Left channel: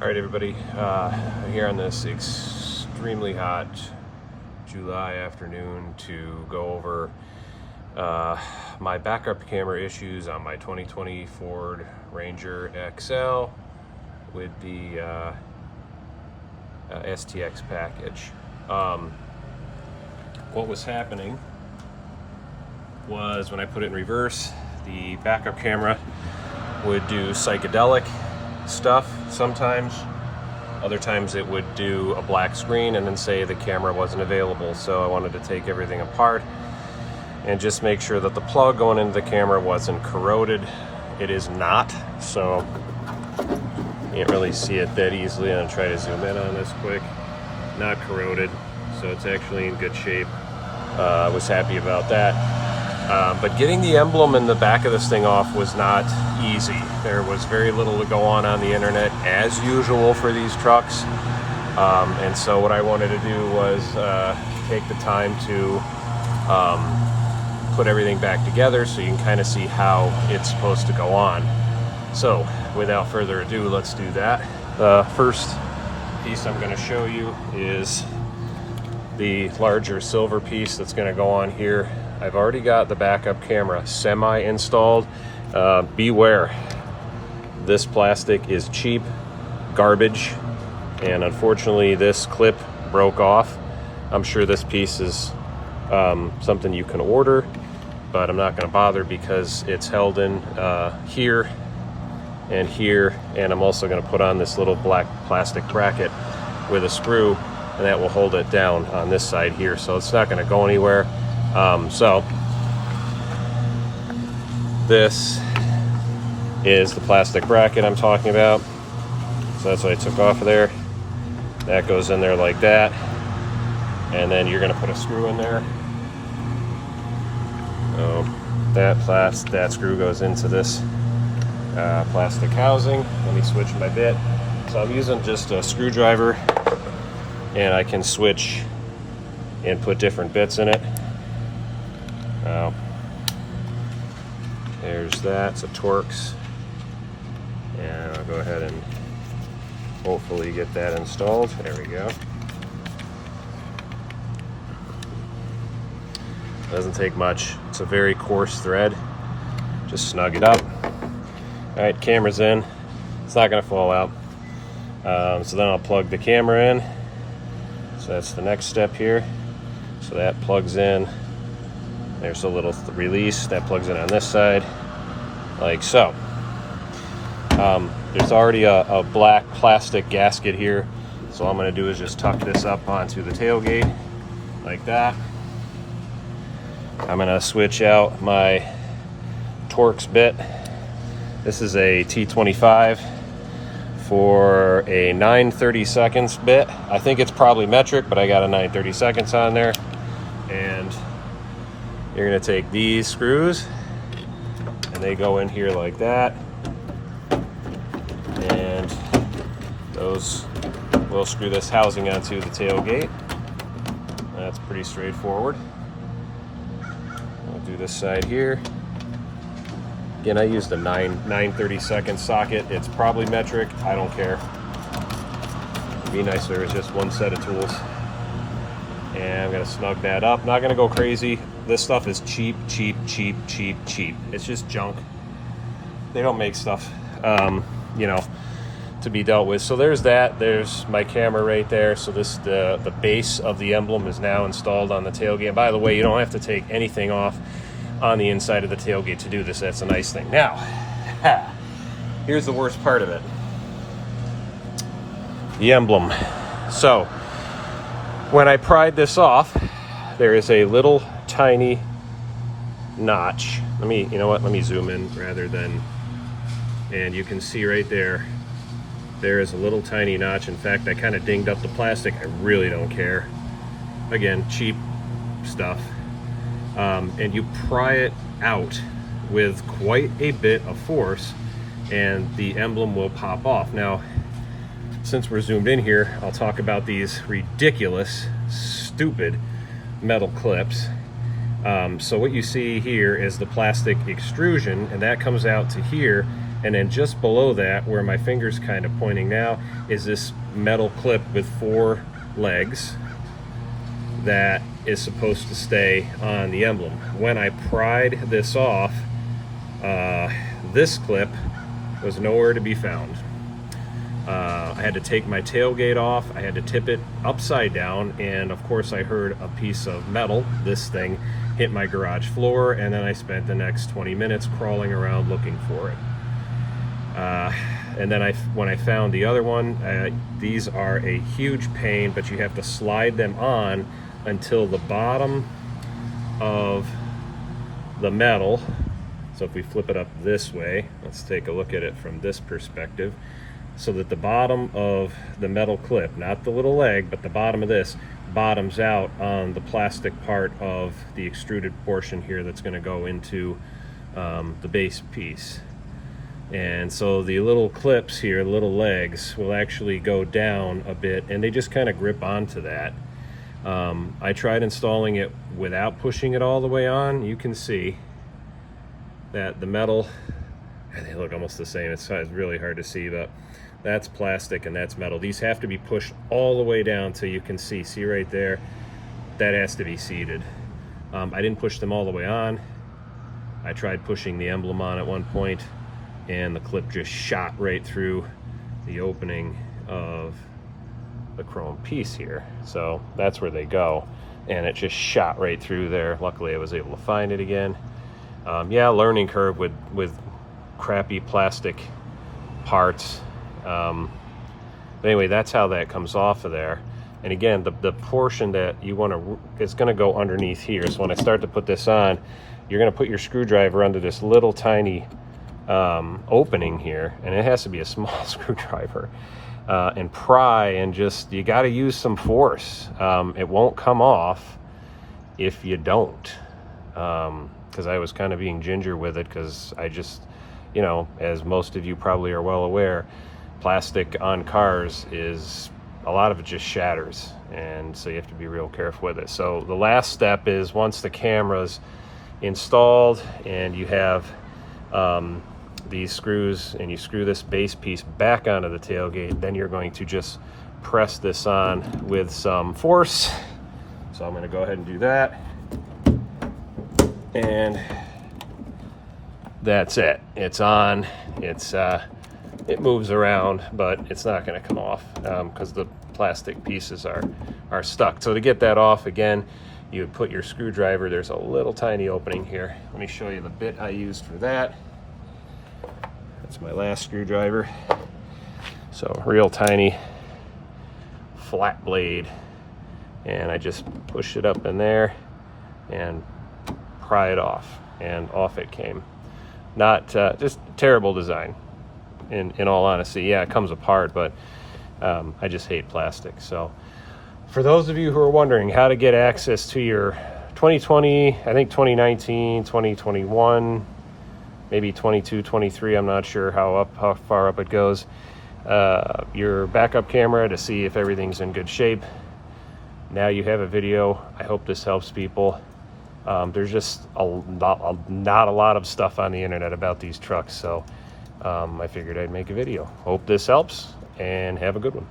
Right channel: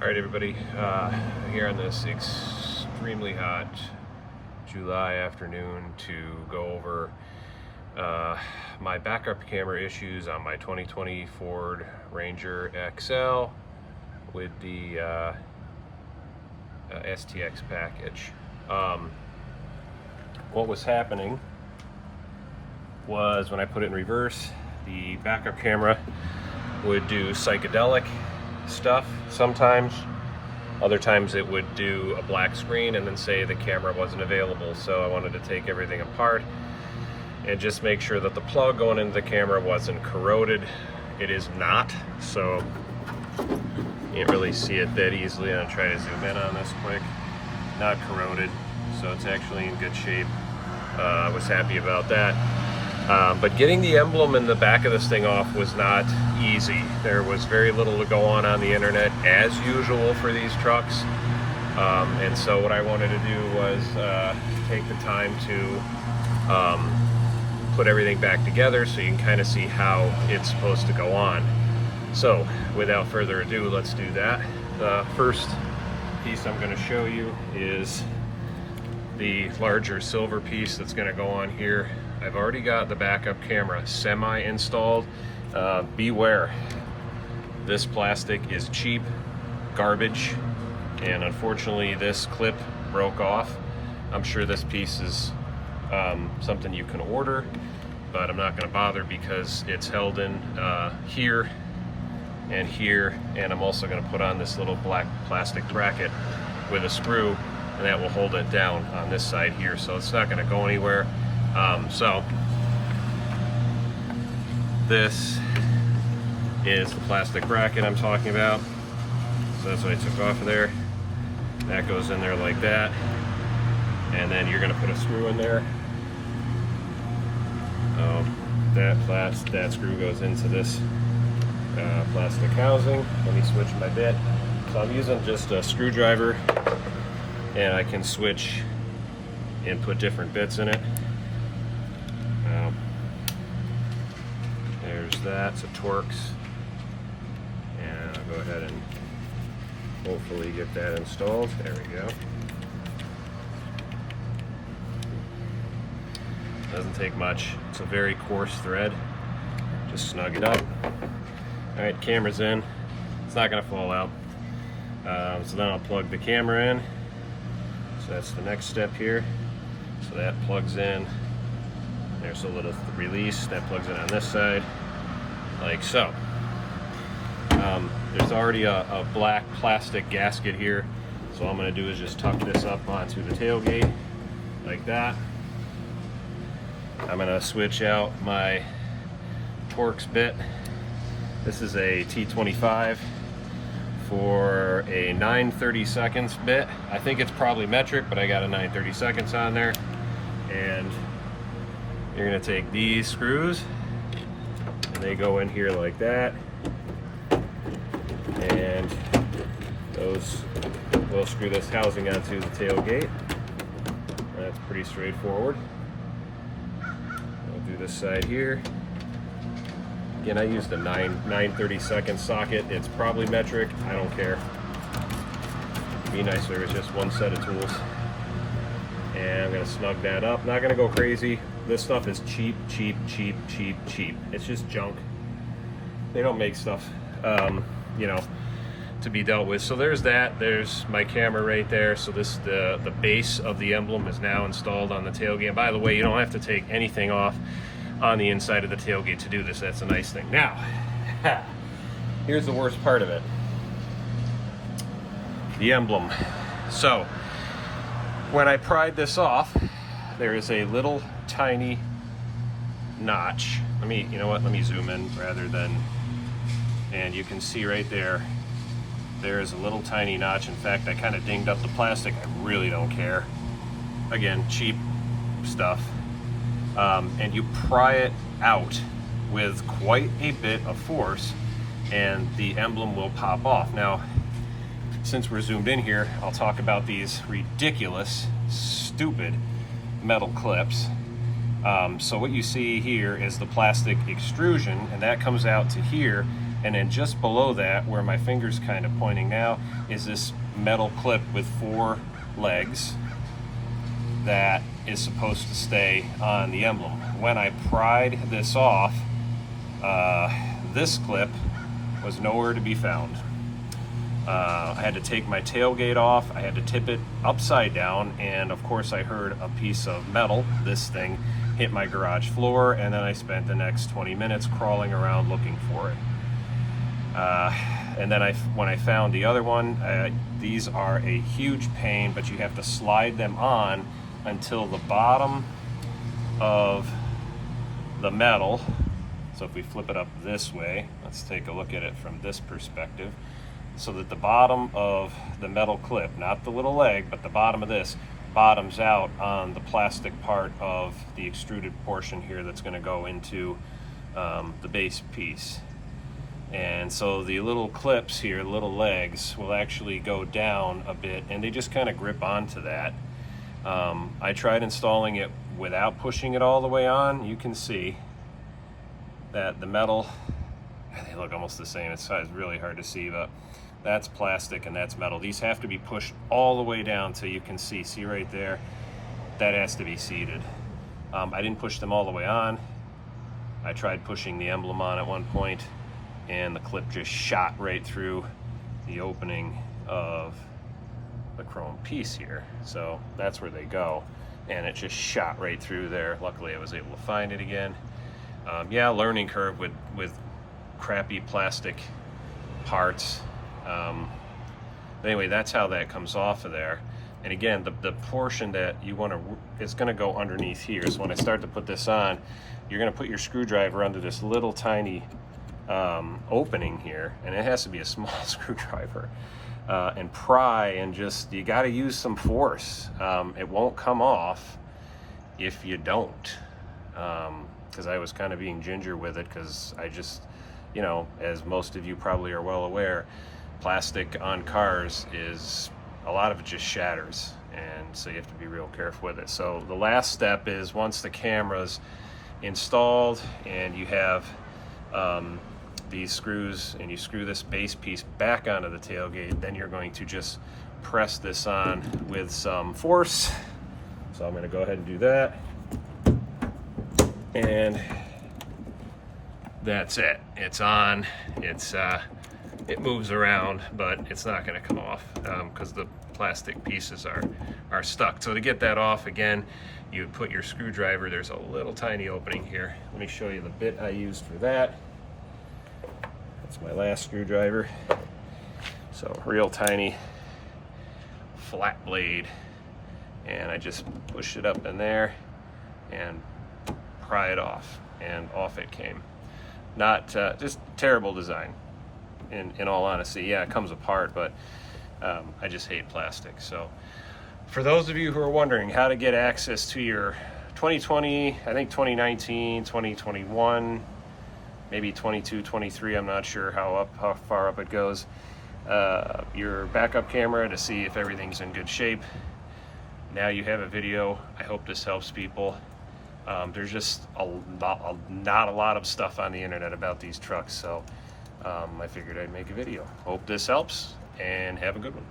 All right, everybody, here on this extremely hot July afternoon to go over my backup camera issues on my 2020 Ford Ranger XL with the STX package. What was happening was when I put it in reverse, the backup camera would do psychedelic stuff sometimes. Other times it would do a black screen and then say the camera wasn't available. So I wanted to take everything apart and just make sure that the plug going into the camera wasn't corroded. It is not, so you can't really see it that easily. I'm trying to zoom in on this quick. Not corroded, so it's actually in good shape. I was happy about that. But getting the emblem in the back of this thing off was not easy. There was very little to go on the internet, as usual for these trucks. And so what I wanted to do was take the time to put everything back together so you can kind of see how it's supposed to go on. So without further ado, let's do that. The first piece I'm going to show you is the larger silver piece that's going to go on here. I've already got the backup camera semi-installed. Beware, this plastic is cheap garbage, and unfortunately this clip broke off. I'm sure this piece is something you can order, but I'm not going to bother because it's held in here and here, and I'm also going to put on this little black plastic bracket with a screw, and that will hold it down on this side here, so it's not going to go anywhere. So this is the plastic bracket I'm talking about. So that's what I took off of there. That goes in there like that, and then you're going to put a screw in there. So that screw goes into this plastic housing. Let me switch my bit. So I'm using just a screwdriver, and I can switch and put different bits in it. There's that, so Torx, and I'll go ahead and hopefully get that installed. There we go. Doesn't take much. It's a very coarse thread. Just snug it up. All right, camera's in. It's not gonna fall out. So then I'll plug the camera in. So that's the next step here. So that plugs in. There's a little release that plugs in on this side, like so. There's already a black plastic gasket here, so all I'm going to do is just tuck this up onto the tailgate, like that. I'm going to switch out my Torx bit. This is a T25 for a 9/32 bit. I think it's probably metric, but I got a 9/32 on there. And you're going to take these screws, and they go in here like that, and those will screw this housing onto the tailgate. That's pretty straightforward. I'll do this side here. Again, I used a 9/32 socket. It's probably metric. I don't care. It'd be nice if there was just one set of tools. And I'm going to snug that up. Not going to go crazy. This stuff is cheap. It's just junk. They don't make stuff, to be dealt with. So there's that. There's my camera right there. So the base of the emblem is now installed on the tailgate. And by the way, you don't have to take anything off on the inside of the tailgate to do this. That's a nice thing. Now, here's the worst part of it. The emblem. So when I pried this off, there is a little tiny notch. Let me zoom in rather than, and you can see right there, there is a little tiny notch. In fact, I kind of dinged up the plastic. I really don't care. Again, cheap stuff. And you pry it out with quite a bit of force, and the emblem will pop off. Now, since we're zoomed in here, I'll talk about these ridiculous, stupid metal clips. So what you see here is the plastic extrusion, and that comes out to here, And then just below that, where my finger's kind of pointing now, is this metal clip with 4 legs that is supposed to stay on the emblem. When I pried this off, this clip was nowhere to be found. I had to take my tailgate off, I had to tip it upside down, and of course I heard a piece of metal, this thing, hit my garage floor, and then I spent the next 20 minutes crawling around looking for it. And then when I found the other one, these are a huge pain, but you have to slide them on until the bottom of the metal. So if we flip it up this way, let's take a look at it from this perspective, so that the bottom of the metal clip, not the little leg, but the bottom of this, bottoms out on the plastic part of the extruded portion here that's going to go into the base piece. And so the little clips here, the little legs, will actually go down a bit, and they just kind of grip onto that. I tried installing it without pushing it all the way on. You can see that the metal, they look almost the same. It's really hard to see, but that's plastic and that's metal. These have to be pushed all the way down till you can see right there, that has to be seated. I didn't push them all the way on. I tried pushing the emblem on at one point, and the clip just shot right through the opening of the chrome piece here. So that's where they go, and it just shot right through there. Luckily I was able to find it again. Yeah, learning curve with crappy plastic parts. But anyway, that's how that comes off of there. And again, the portion that you want to, it's going to go underneath here. So when I start to put this on, you're going to put your screwdriver under this little tiny opening here, and it has to be a small screwdriver, and pry, and just, you got to use some force. It won't come off if you don't, because I was kind of being ginger with it, because I just, you know, as most of you probably are well aware, plastic on cars is, a lot of it just shatters, and so you have to be real careful with it. So the last step is, once the camera's installed and you have these screws, and you screw this base piece back onto the tailgate, then you're going to just press this on with some force. So I'm going to go ahead and do that, and that's it. It's on. It moves around, but it's not going to come off because the plastic pieces are stuck. So to get that off, again, you would put your screwdriver, there's a little tiny opening here. Let me show you the bit I used for that. That's my last screwdriver. So real tiny flat blade, and I just push it up in there and pry it off, and off it came. Not just terrible design, in all honesty. Yeah, it comes apart, but I just hate plastic. So for those of you who are wondering how to get access to your 2020, I think 2019, 2021, maybe 22, 23, I'm not sure how far up it goes, your backup camera to see if everything's in good shape. Now you have a video. I hope this helps people. There's just not a lot of stuff on the internet about these trucks, so I figured I'd make a video. Hope this helps, and have a good one.